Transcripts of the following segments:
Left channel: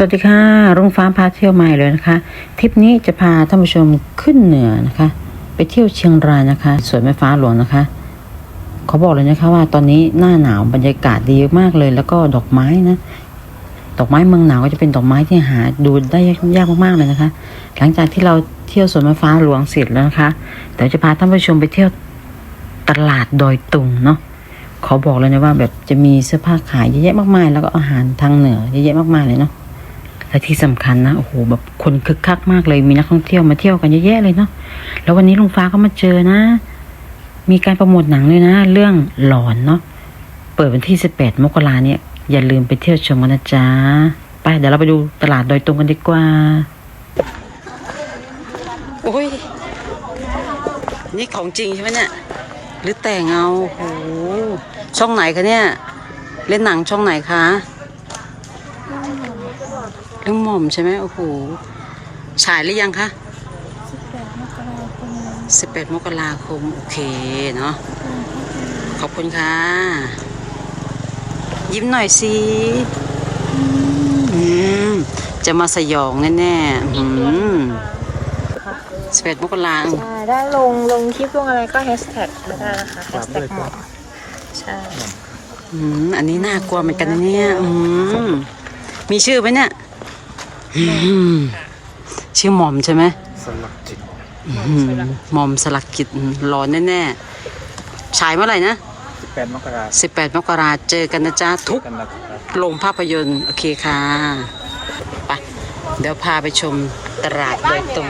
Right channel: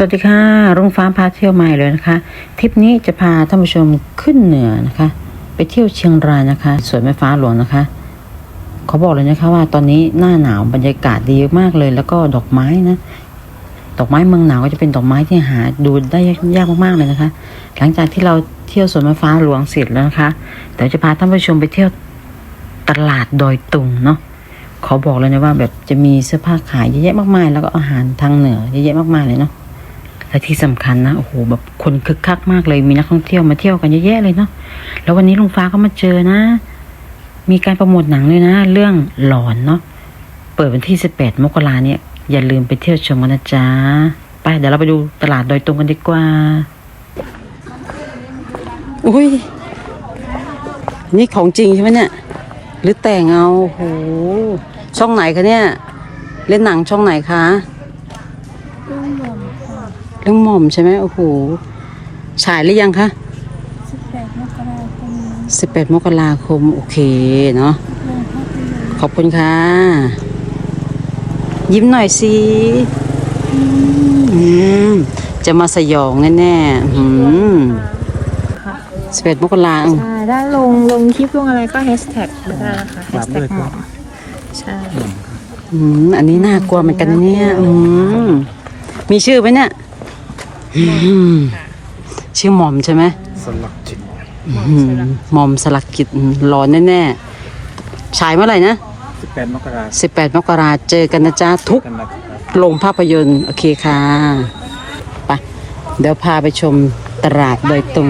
สวัสดีค่ะรุ่งฟ้าพาเที่ยวใหม่เลยนะคะทริปนี้จะพาท่านผู้ชมขึ้นเหนือนะคะ ไปเที่ยวเชียงรายนะคะสวนแม่ฟ้าหลวงนะคะเขาบอกเลยนะคะว่าตอนนี้หน้าหนาวบรรยากาศดีมากเลย แล้วก็ดอกไม้นะดอกไม้เมืองหนาวก็จะเป็นดอกไม้ที่หาดูได้ยากมากๆเลยนะคะ หลังจากที่เราเที่ยวสวนแม่ฟ้าหลวงเสร็จแล้วนะคะเดี๋ยวจะพาท่านผู้ชมไปเที่ยวตลาดดอยตุงเนาะเขาบอกเลยนะว่าแบบจะมีเสื้อผ้าขายเยอะแยะมากมาย แล้วก็อาหารทางเหนือเยอะแยะมากมายเลยเนาะ และที่สำคัญนะโอ้โหแบบคนคึกคักมากเลยมีนักท่องเที่ยวมาเที่ยวกันเยอะแยะเลยเนาะแล้ววันนี้ลุงฟ้าก็มาเจอนะ มีการโปรโมทหนังเลยนะ เรื่องหลอนเนาะเปิดวันที่สิบแปดมกราเนี่ยอย่าลืมไปเที่ยวชมกันนะจ๊ะไปเดี๋ยวเราไปดูตลาดดอยตุงกันดีกว่าอุ้ยนี่ของจริงใช่ไหมเนี่ยหรือแต่งเอาโหช่องไหนคะเนี่ย เล่นหนังช่องไหนคะ เรื่องหม่อมค่ะ เรื่องหม่อมใช่ไหมโอ้โหฉายหรือยังคะ18มกราคมนี้สิบแปดมกราคม โอเคเนาะโรงภาพยนตร์ขอบคุณค่ะ ยิ้มหน่อยสิอืมจะมาสยองแน่ๆอืมสิบแปดมกราคมถ้าลงลงที่พวกอะไรก็แฮชแท็กก็ได้ค่ะแฮชแท็กหม่อมใช่อืมอันนี้น่ากลัวเหมือนกันนะเนี่ย อืม มีชื่อไหมเนี่ยอืมชื่อหม่อมใช่ไหมสลักจิตอื้อหือหม่อมสลักกิจร้อนแน่ๆฉายเมื่อไหร่นะ18มกราคม18มกราเจอกันนะจ๊ะทุกเป็นนักโรงภาพยนตร์ โอเคค่ะไปเดี๋ยวพาไปชมตลาดโดอยตุง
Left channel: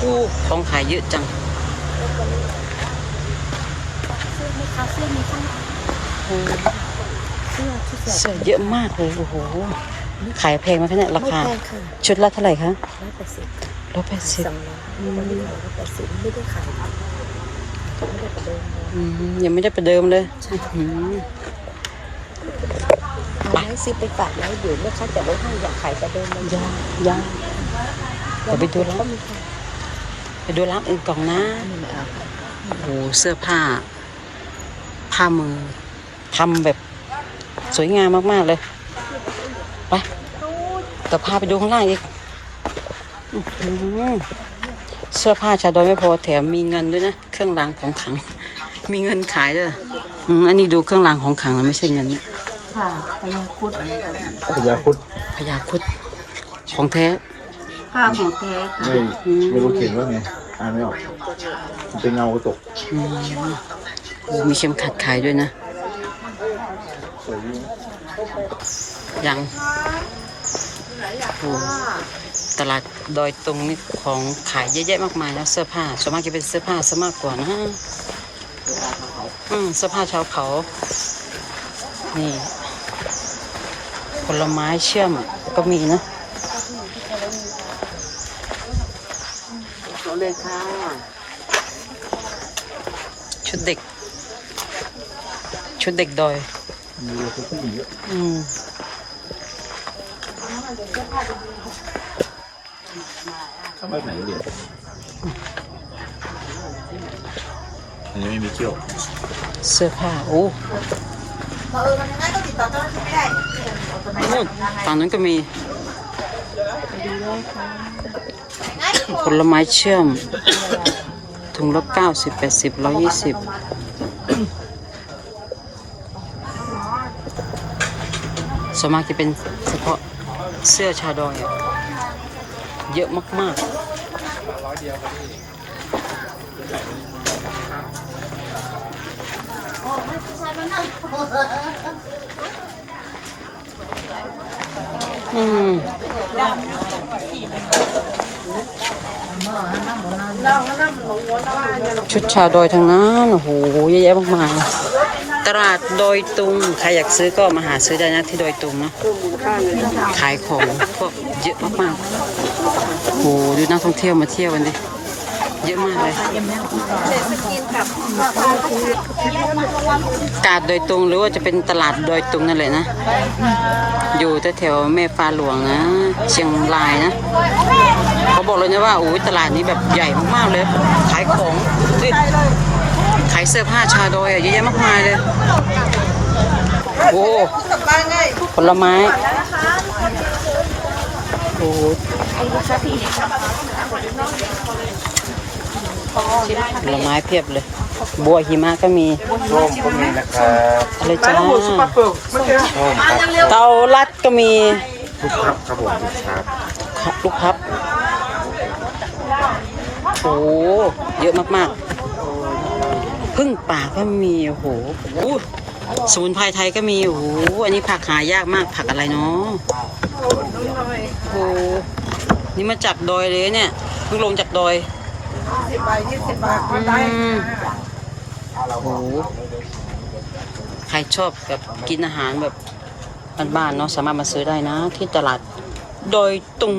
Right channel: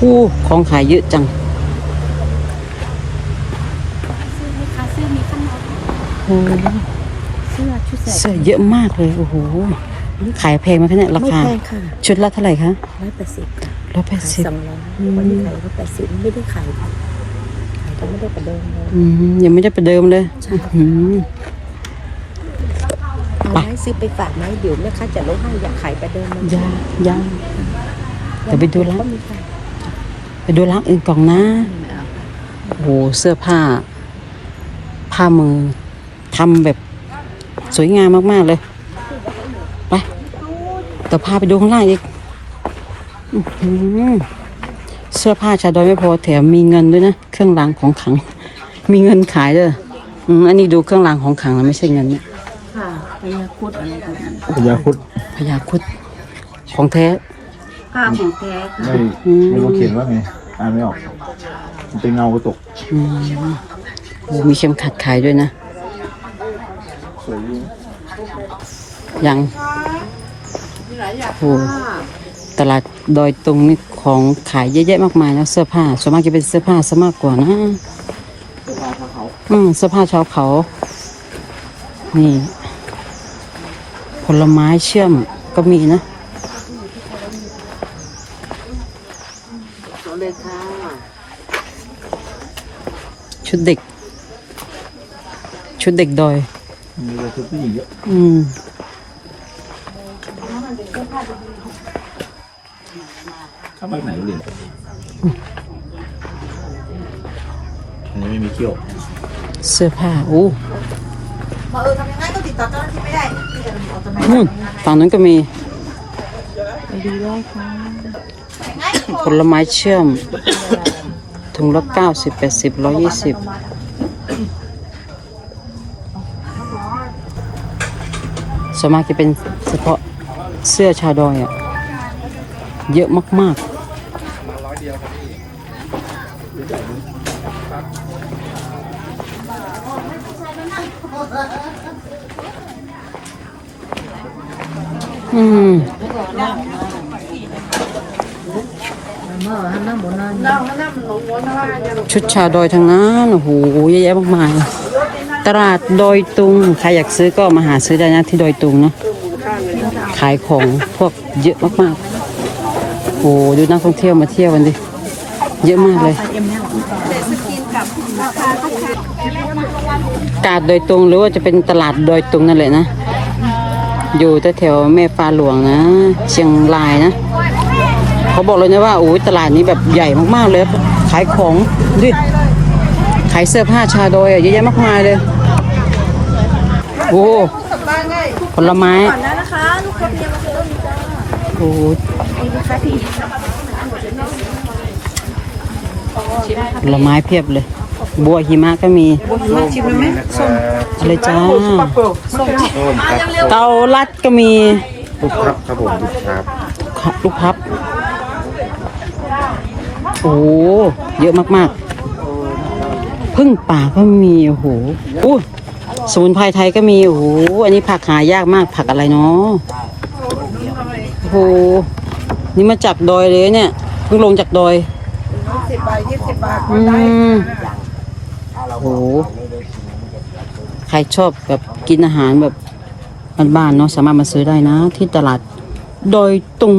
อู้ของขายเยอะจังโอ้เสื้อที่ ใส่เสื้อเยอะมากเลยโอ้โหขายแพงไหมคะเนี่ยราไม่คาแพงค่ะชุดละเท่าไหร่คะร้อยแปดสิบร้อยแปดสิบสำรองไม่ได้ขายร้อยแปดสิบไม่ได้ขายจะไม่ได้ประเดิมเลยอืมยังไม่ได้ประเดิมเลยอืมไม้ซื้อไปฝากไม้เดี๋ยวแม่ค้าจะได้ไม่อยากขายประเดิมยังยังเดี๋ยวไปดูร้านไปดูร้านอื่นก่อนนะโอ้โหเสื้อผ้า ผ้ามือทำแบบ สวยงามมากๆเลยไปเดี๋ยวพาไปดูข้างล่างอีกอื้อหือเสื้อผ้าชาดอยไม่พอแถมมีเงินด้วยนะเครื่องรางของขลัง มีเงินขายเลยอืมอันนี้ดูเครื่องรางของขลังแล้วไม่ใช่เงินเนี่ยค่ะพญาคุดอะไรก็ได้พยาครุฑพญาครุดของแท้ผ้าของแท้ค่ะไม่ไม่ต้องเขียนว่าไงอ่านไม่ออกมันเป็นเงาตกอืมโอ้มีเข็มขัดขายด้วยนะ ยังโอ้ตลาดดอยตุงนี่ของขายเยอะแยะมากมายนะเสื้อผ้าส่วนมากจะเป็นเสื้อผ้าซะมากกว่านะอืมเสื้อผ้าชาวเขา นี่ ผลไม้เชื่อมก็มีนะชุดเด็ก ชุดเด็กดอย มีแต่ชุดผู้หญิงเยอะอืมไปไหนเรียนอันนี้ไม่มีเกี่ยวเสื้อผ้าโอ้อืมฝั่งนั้นก็มี ผลไม้เชื่อม ถุงละเก้าสิบแปดสิบร้อยยี่สิบ ส่วนมากจะเป็นเฉพาะเสื้อชาดอยอะเยอะมากๆ อืม ชุดชาวดอยทางนั้นโอ้โหเยอะแยะมากมายตลาดดอยตุงใครอยากซื้อก็มาหาซื้อได้นะที่ดอยตุงเนาะขายของพวกเยอะมากๆโอ้โหดูนักท่องเที่ยวมาเที่ยวกันดิเยอะมากเลยกาดโดยตุงหรือว่าจะเป็นตลาดโดยตุงนั่นแหละนะ อยู่แถวแม่ฟ้าหลวงนะ เชียงรายนะ เขาบอกเลยนะว่าโอ้ยตลาดนี้แบบใหญ่มากๆเลยขายของยืดขายเสื้อผ้าชาดอยอะเยอะแยะมากมายเลยโอ้ผลไม้โอ้โหผลไม้เพียบเลย บัวหิมะก็มีเลยจ้าเตาลัดก็มีลูกครับครับผมลูกครับลูกพับ โอ้เยอะมากๆพึ่งป่าก็มีโอ้โหอู้สมุนไพรไทยก็มีโอ้โหอันนี้ผักหายากมากผักอะไรเนาะโอ้โหนี่มาจากดอยเลยเนี่ยเพิ่งลงจากดอยสิบบาทยี่สิบบาทก็ได้โอ้โหใครชอบแบบกินอาหารแบบบ้านๆเนาะสามารถมาซื้อได้นะ ที่ตลาดดอยตุง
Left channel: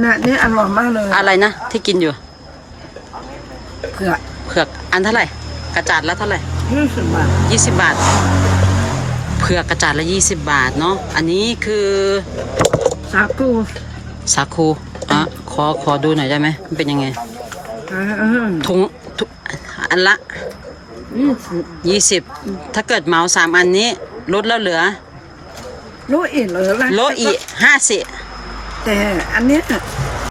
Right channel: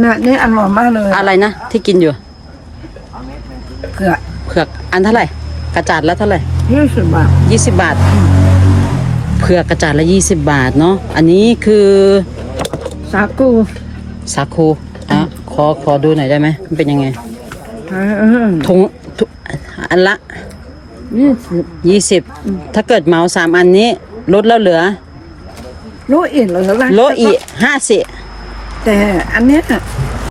เนี่ยนี่อร่อยมากเลยอะไรนะที่กินอยู่เผือกเผือกอันเท่าไหร่ กระจาดละเท่าไหร่ยี่สิบบาทยี่สิบบาท เผือกกระจาดละยี่สิบบาทเนาะอันนี้คือสาคูสาคูอะขอขอดูหน่อยได้ไหมมันเป็นยังไงเออถุงถุงอันละยี่สิบยี่สิบถ้าเกิดเหมาสามอันนี้ลดแล้วเหลือโลอีกเหลือละโลอีห้าสิ แต่อันเนี้ย